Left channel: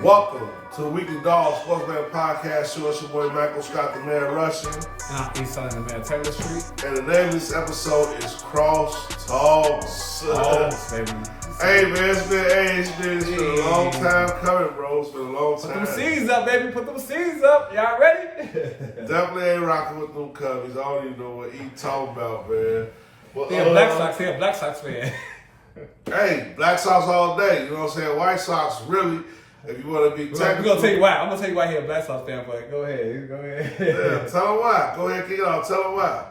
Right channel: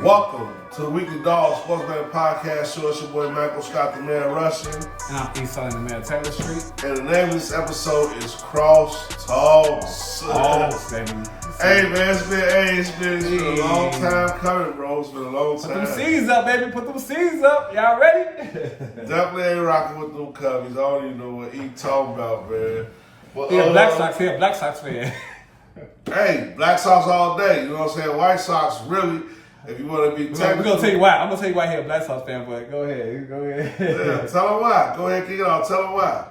Welcome to the Weekly Dog Sportsman Podcast Show. It's your boy Michael Scott, the man Russian. And I'm Salim, the man Taylor Street. And the name of this episode is Cross Talk. Baby. Hey man, it's been a long time coming, bro. It's been a long time. Put them seeds up, baby. Put them seeds up. Y'all ready? Definitely ain't rocking with them Cubbies. I don't even know what he talking about, man. But, He a Black Sox fan. Hey, Black Sox all day. You know what I'm saying? White Sox, really. If you want to be technical. We're going to tell you why. I'm going to tell you why he a Black Sox fan, but go ahead. Yeah, tell him why. Go ahead, kick it off. Tell him why.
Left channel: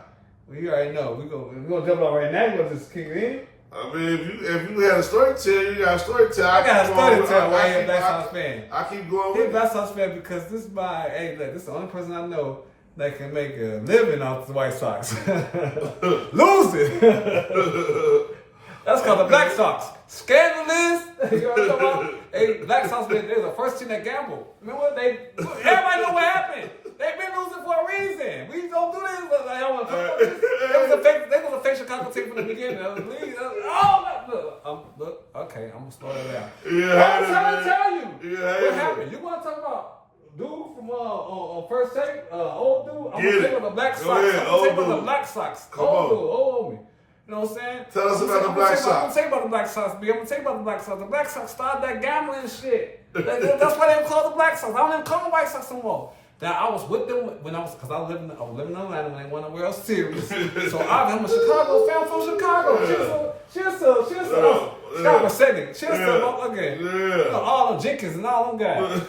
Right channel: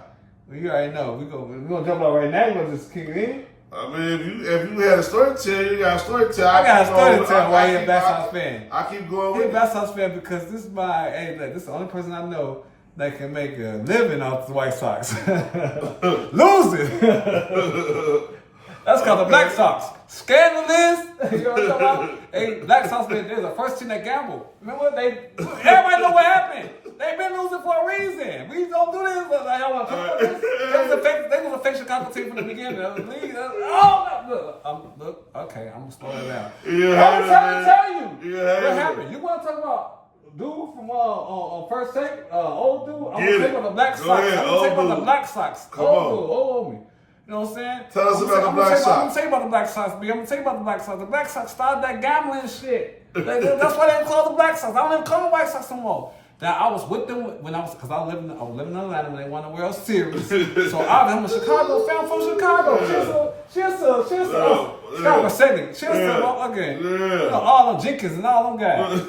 Well, you already know. We're gonna jump out right now. You're going to just kick it in. I mean, if you had a story to tell, you got a story to tell. I got a story to tell why he a Black Sox fan. I keep going with He a it. Black Sox fan because this is this is the only person I know that can make a living off the White Sox. Losing. That's called the Black Sox. Scandalous. You know what I'm talking about? Hey, Black Sox, they was the first team that gambled. Remember, everybody know what happened. They've been losing for a reason. We don't do this. Like, y'all want to talk about this? They was a fake Chicago team from the beginning. Look, okay, I'm going to slow that down. Yeah, I'm trying to tell you yeah, what happened. You want to talk about dude from on first take, old dude? I'm going to tell you about the Black Sox. I'm going to tell you about the Black Sox. Old me. You know what I'm saying? Tell us about the Black Sox. I'm going to tell you about the Black Sox, B. I'm going to tell you about the Black Sox. The Black Sox started that gambling shit. That's why they call the Black Sox. I don't even call them White Sox no more. Now, I was with them because I was living in Atlanta when they won the World Series. So I'm a Chicago fan from Chicago. Cheers to Chicago Celtic. Cheers to okay. You know, all them Jenkins and all them guys.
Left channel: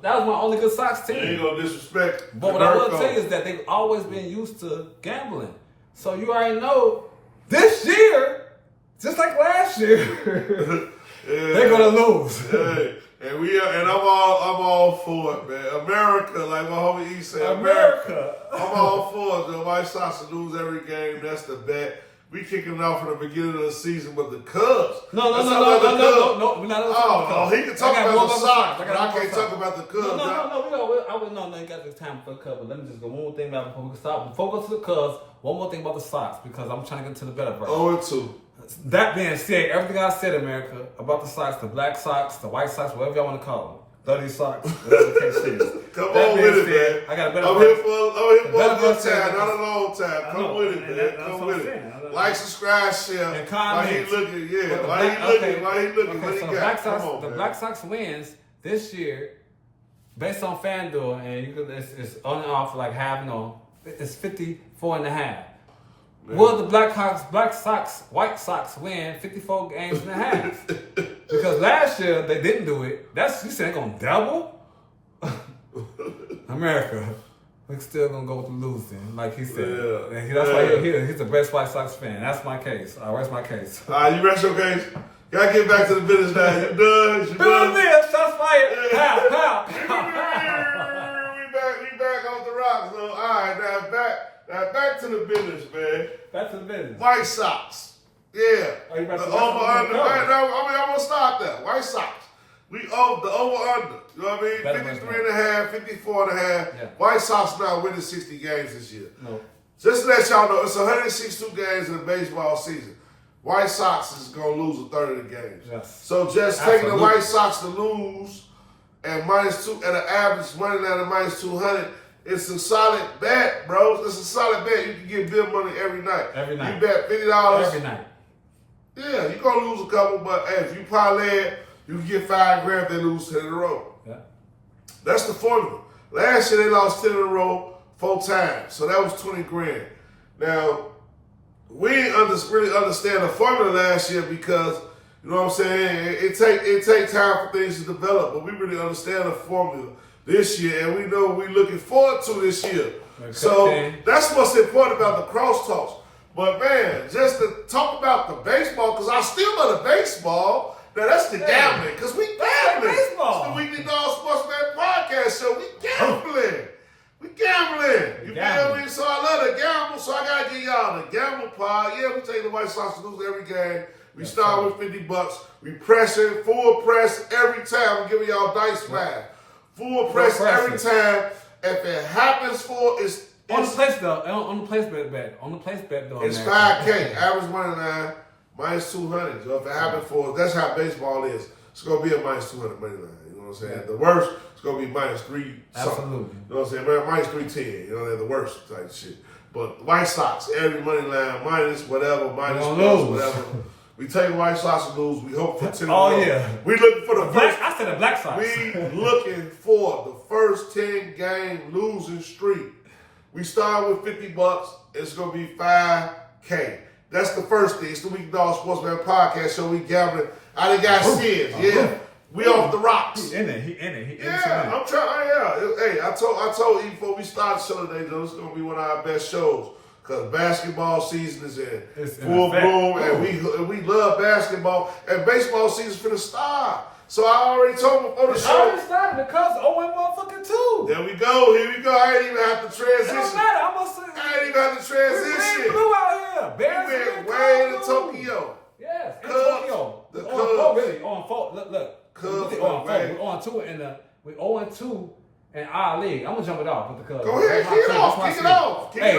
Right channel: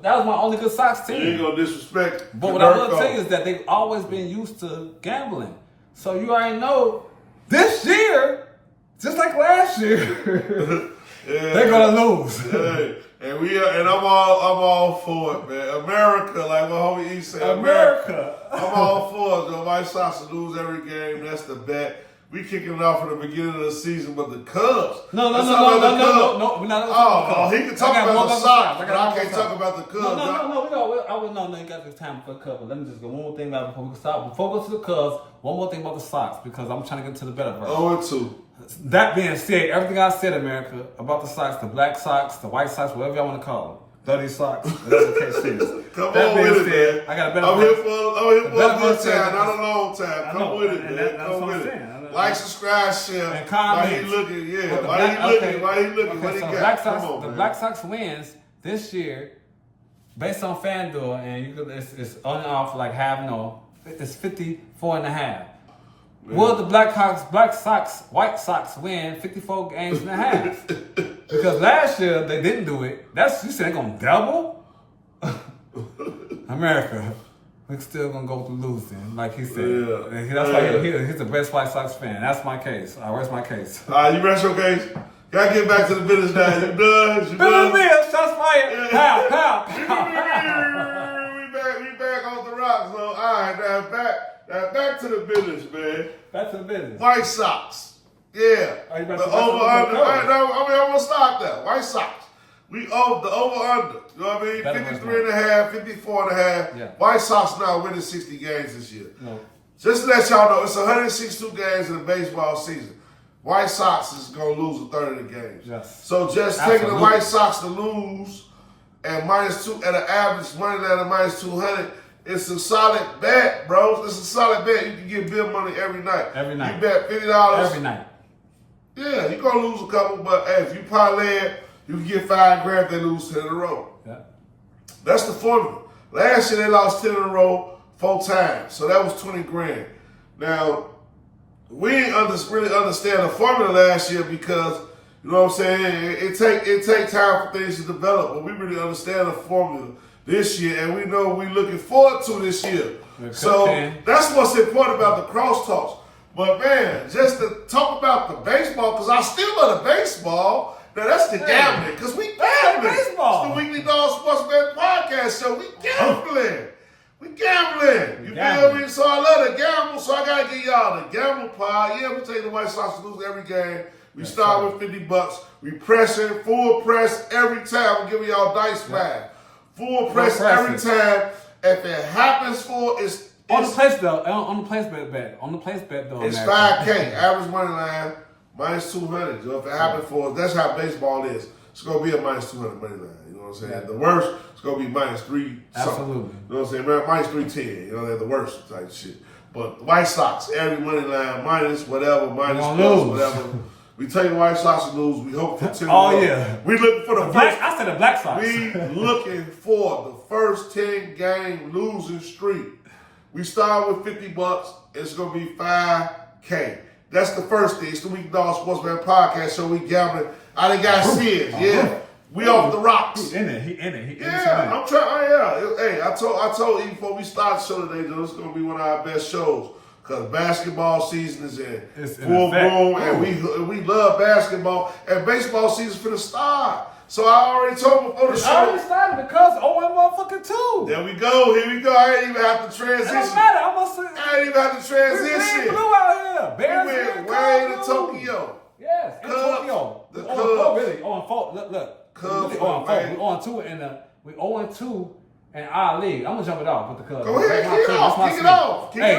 That was my only good Sox team. You ain't gonna disrespect. But what I will tell you is that they've always been used to gambling. So you already know this year, just like last year, they're gonna lose. And I'm all for it, man. America, like my homie E said, America. I'm all for it. The White Sox to lose every game. That's the bet. We kicking it off at the beginning of the season, but the Cubs. No. We're not Oh, he can talk about the Sox, but I can't talk about about the Cubs. No, you got this time for the Cubs. Let me just go one more thing about before we stop. Before we go to the Cubs, one more thing about the Sox because I'm trying to get to the better version. 0-2. That being said, everything I said, America, about the Sox, the Black Sox, the White Sox, whatever y'all want to call them. Dirty Sox, whatever the case is. Come on with it, man. I got a better I'm here for a good version. time, not a long time. Come with it, man. Come with it. Like, subscribe, share. And comment. Why he looking? Yeah. Why he looking? What he got? The Black Sox wins this year based on FanDuel, and it's on and off like half. No, it's 54.5. Will the White Sox win 54 games and a half? Because last year they didn't do it. You said they're gonna double? America, we're still gonna go through losing, like he said. Yeah. That's why he's the best White Sox fan. That's my case. Where's my case? You rest your case? Gotta get back to the business now. You done? Bill Mills, shots fired. Pow. We back on the rocks, so all right, now back to the business, man. Back to the business. White Sox. Yeah. Are you about the to over-under. I'm going to stop that. White Sox. We owe the over-under. You know what I mean? 53.5, 54.5. Yeah. White Sox now winning 60 games this year. No. Just to let y'all know, it's 162 games in the baseball season. White Sox is going to lose a third of the games. Yes. So just taking the White Sox to lose and -2 at an average money down to -200, it's a solid bet, bro. It's a solid bet. You can get bill money every night. Every night. You bet $50. Every night. Yeah, you're going to lose a couple, but hey, if you parlay it, you can get $5,000 if they lose 10 in a row. Yeah. That's the formula. Last year they lost 10 in a row 4 times, so that was $20,000. Now, we didn't really understand the formula last year because, you know what I'm saying, it take time for things to develop, but we really understand the formula this year, and we know we're looking forward to this year. So that's what's important about the crosstalks. But man, just to talk about the baseball, because I still love the baseball. Now that's the gambling, because we gambling. Baseball. It's the Weekly Dog Sportsman Podcast Show. We gambling. You feel me? So I love the gamble, so I gotta give y'all the gamble part. Yeah, we take the White Sox to lose every game. We start with $50. We press it, full press every time. We're giving y'all dice back. Full press every time. If it happens on the place though, on the place bet though, it's $5,000 average money line -200. So if it happens that's how baseball is. it's going to be a minus 200 money line. You know what I'm saying? The worst, it's going to be minus 3 Absolutely. You know what I'm saying? Minus 310. You know, they're the worst type shit. But the White Sox, every money line, minus whatever, minus plus whatever. We take the White Sox to lose. We hope for 10. Oh, yeah. We looking for the first. I said the Black Sox. We looking for the first 10 game losing streak. We start with $50. It's going to be $5K. That's the first thing. It's the Weekend Dog Sportsman Podcast. So we gambling. I done got serious. Yeah. We off the rocks. He in it. Yeah, I'm trying. Hey, I told you before we started the show today, though, it's gonna be one of our best shows because basketball season is in full bloom, and we love basketball, and baseball season's finna start. So I already told him before the show. I already started because motherfucking 2. There we go. Here we go. I ain't even have to transition. It don't matter. I ain't even have to transition. We blue out here. Bears we went way to Tokyo. Yes, in Cubs, Tokyo. the On Cubs. 4, really. On 4. Look. Cubs, really on 4. man. We on 2 in the. We 0-2 in our league. I'm gonna jump it off with the Cubs. Go ahead, kick it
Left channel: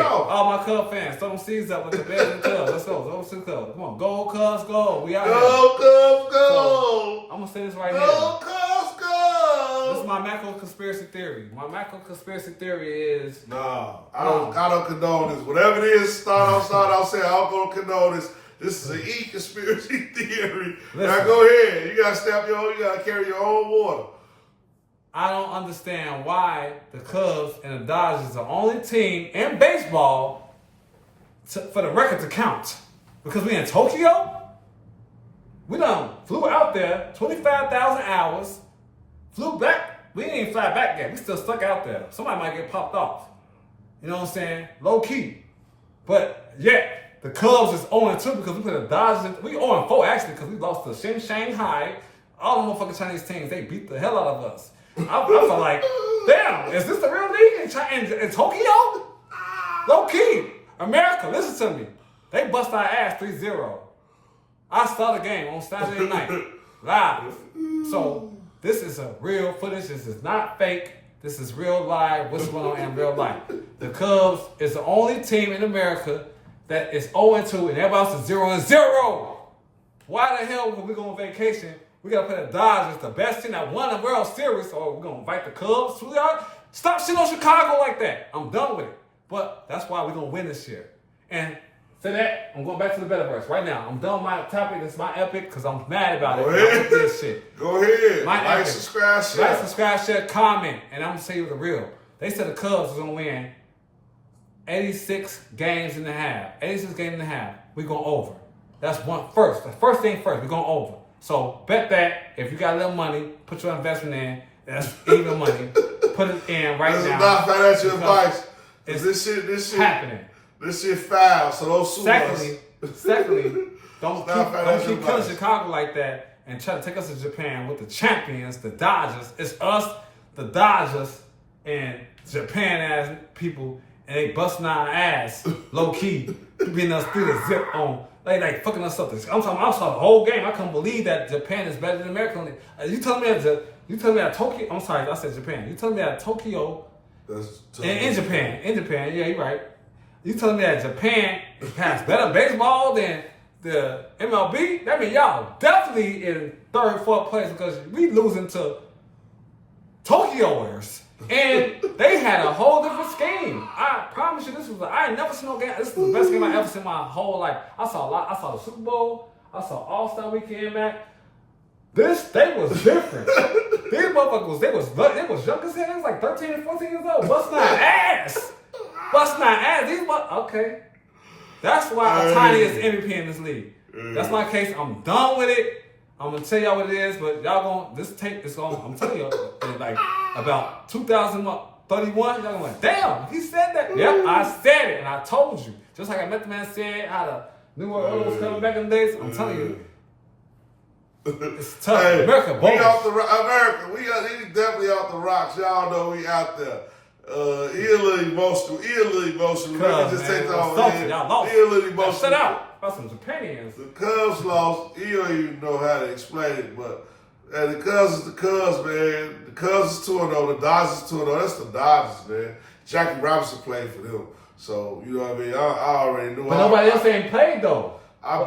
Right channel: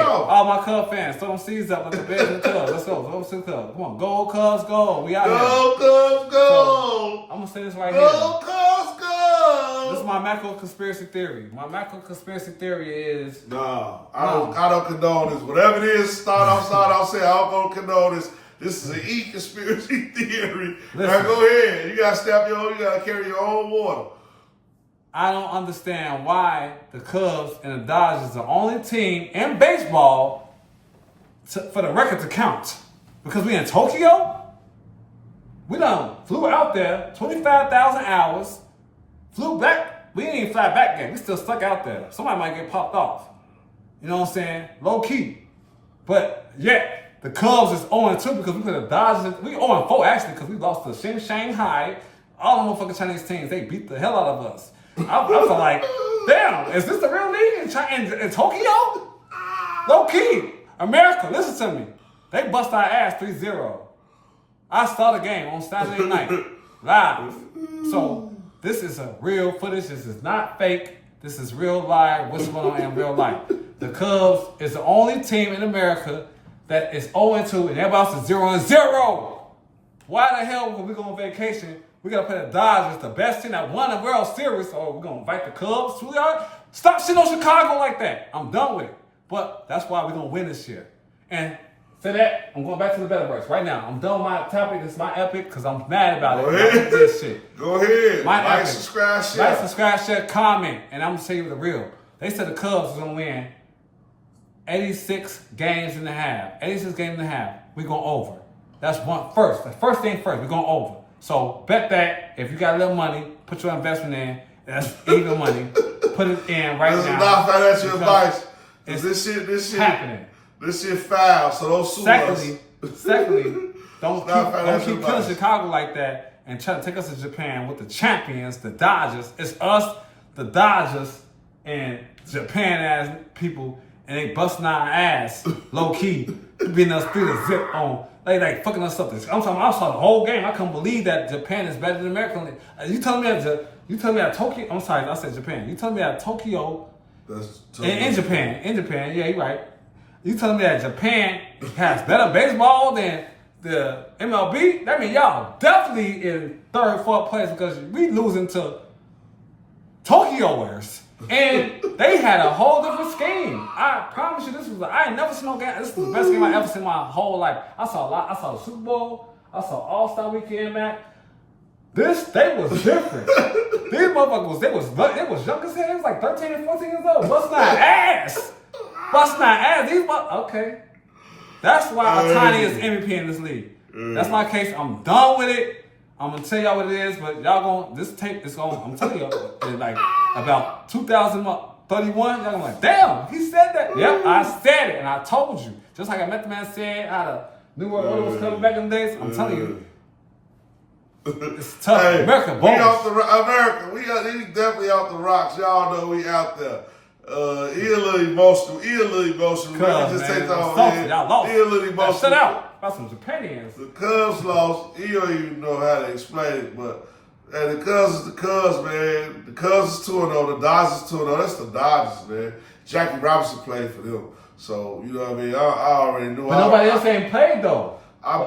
off. All my Cubs fans, throw them seeds up with the Bears and the Cubs. Let's go. Let's go. Come on, go Cubs, go. We out here. Go Cubs, go. So, I'm gonna say this right here. Go Cubs, go. This is my macro conspiracy theory. My macro conspiracy theory is I don't condone this. Whatever it is, start off saying I don't condone this. This is an conspiracy theory. Now go ahead. You gotta carry your own water. I don't understand why the Cubs and the Dodgers are the only team in baseball for the record to count. Because we in Tokyo, we done flew out there 25,000 hours, flew back. We didn't even fly back yet. We still stuck out there. Somebody might get popped off. You know what I'm saying? Low key. But yet, the Cubs is 0-2 because we put the Dodgers. We 0-4 actually because we lost to Shanghai. All the motherfucking Chinese teams, they beat the hell out of us. I feel like, damn, is this the real league in Tokyo? Low key. America, listen to me. They bust our ass 3-0. I saw the game on Saturday night, live. So this is a real footage. This is not fake. This is real live. What's going on in real life? The Cubs is the only team in America that is 0-2 and everybody else is 0-0. Why the hell when we go on vacation, we gotta play the Dodgers, the best team that won the World Series, or we're gonna invite the Cubs? Stop shitting on Chicago like that. I'm done with it. But that's why we're gonna win this year. And for that, I'm going back to the Betterverse right now. I'm done with my topic. This is my epic because I'm mad about it. Go ahead. This shit. Go ahead. My like, epic. Subscribe, share, comment. And I'm gonna tell you the real. They said the Cubs was gonna win 86 games and a half. 86 games and a half. We're going over. That's first. The first thing first. We're going over. So bet that if you got a little money, put your investment in. That's even money. Put it in right now. This is not financial advice. It's this shit happening. This shit foul. So don't sue us. Secondly, don't keep killing Chicago like that and try to take us to Japan with the champions, the Dodgers. It's us, the Dodgers, and Japan ass people. And they busting our ass, low key, beating us 3-0 on, like fucking us up. I saw the whole game. I couldn't believe that Japan is better than America. You telling me that Tokyo? I'm sorry, I said Japan. You telling me that Tokyo? In Japan, yeah, you're right. You telling me that Japan has better baseball than the MLB? That means y'all definitely in third, fourth place because we losing to Tokyoers. And they had a whole different scheme. I promise you, I ain't never seen no game. This is the best game I ever seen in my whole life. I saw the Super Bowl. I saw All-Star Weekend, man. They was different. These motherfuckers, they was young as hell. They was like 13 and 14 years old. Busting our ass. Okay. That's why Otani is MVP in this league. That's my case. I'm done with it. I'm gonna tell y'all what it is, but this tape is going, I'm telling you, in like about 2031, y'all gonna be like, damn, he said that. Yep, I said it, and I told you. Just like I met the man said how the New World Order was coming back in the days, I'm telling you. It's tough. Hey, America, we definitely off the rocks. Y'all know we out there. He a little emotional. Let me just take that on. Y'all lost. He a little emotional. Shut out. About some Japanians. The Cubs lost. He don't even know how to explain it, but the Cubs is the Cubs, man. The Cubs is 2-0. The Dodgers is 2-0. That's the Dodgers, man. Jackie Robinson played for them. So, you know what I mean? I already knew. But nobody else ain't played, though. I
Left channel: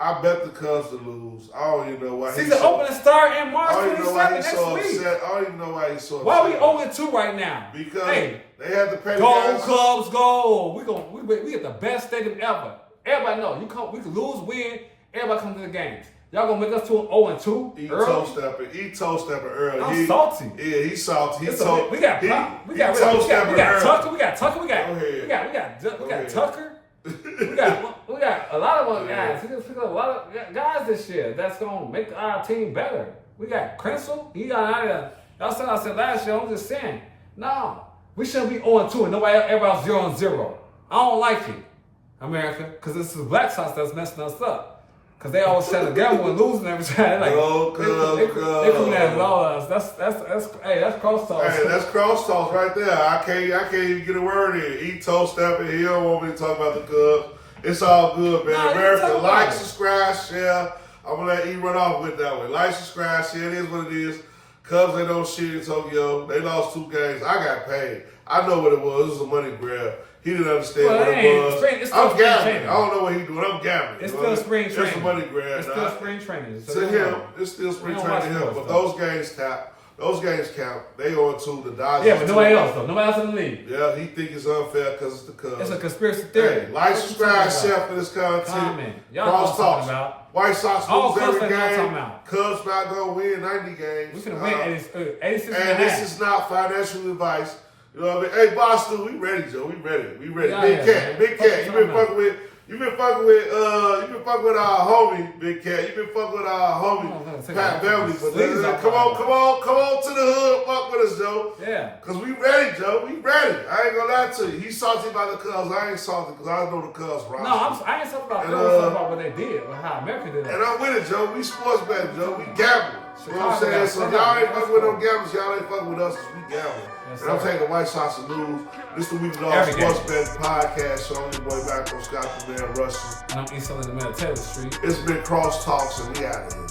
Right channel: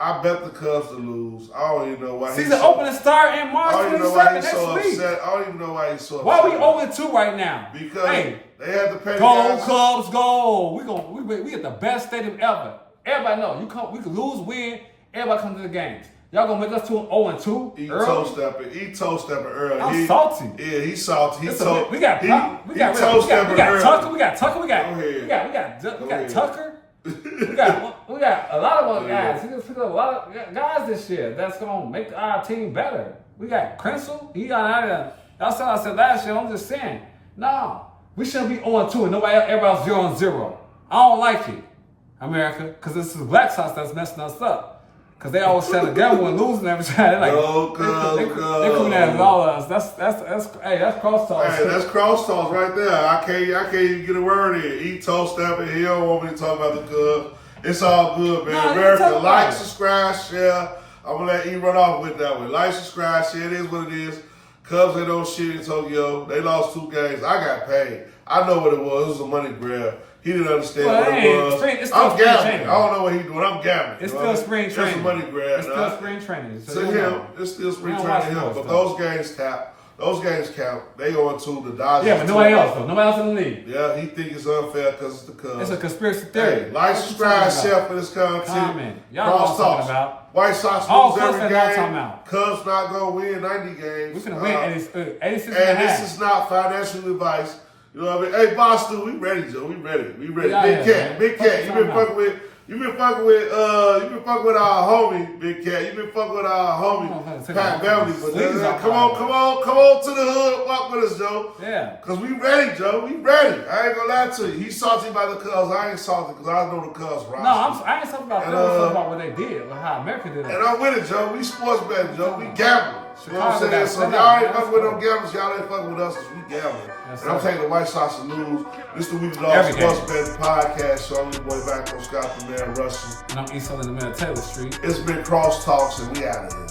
I bet the Cubs to lose. I don't even know why. Season opening start in March 27 next week. I don't even know why he's so upset. Why are we 0-2 right now? Because hey, they had to pay the go guys. Cubs, go! We get the best stadium ever. Everybody know we can lose, win. Everybody come to the games. Y'all gonna make us to 0-2 He early? toe stepping early. I'm salty. Yeah, he's salty. We got Tucker. We got Tucker. We got a lot of other guys. We just picked up a lot of guys this year that's gonna make our team better. We got Crensel. He got out of there. That's what I said last year. I'm just saying. No, we shouldn't be 0-2 and everybody else 0-0. I don't like it, America, because this is Black Sox that's messing us up. Because they always trying to gamble and losing every time. They're like, they coming at all of us. That's crosstalk. Hey, that's crosstalk right there. I can't even get a word in. He toe stepping. He don't want me to talk about the Cubs. It's all good, man. Nah, America, like, subscribe, share. I'm gonna let E run off with that one. Like, subscribe, share. It is what it is. Cubs ain't no shit in Tokyo. They lost 2 games. I got paid. I know what it was. It was a money grab. He didn't understand what it was. I'm gambling. I don't know what he's doing. I'm gambling. It's still spring training. It's a money grab. It's still spring training. To him, it's still spring training to him. But those games count. Those games count. They go into the Dodgers. Yeah, but nobody else though. Nobody else in the league. Yeah, he think it's unfair because it's the Cubs. It's a conspiracy theory. Hey, like, subscribe, share for this content. Y'all know what I'm talking about. White Sox All lose every game. About. Cubs not gonna win 90 games. We're gonna win 86 and and this is not financial advice. You know what I mean? Hey, Boston, we ready, Joe. We ready. Yeah, Big Cat. You been fucking with our homie, Big Cat. You been fucking with our homie, Pat Beverly. Come on to the hood, fuck with us, Joe. Yeah. Cause we ready, Joe. We ready. I ain't gonna lie to you. He's salty about the Cubs. I ain't salty because I know the Cubs, right? No, I ain't talking about them. I'm talking about what they did, like how America did it. And I'm with it, Joe. We sports betting, Joe. We gamble. You know what I'm Chicago saying? got So set y'all up, ain't man. fucking with them gamblers. Y'all ain't fucking with us because we gamble. Yes, And I'm sir. taking the White Sox to lose. This the Week Long Every Sports game. Betting Podcast. So I'm your boy, Macro Scott, the man Russian. And I'm East Southern the man, Taylor Street. It's been Cross Talks, and we out of here.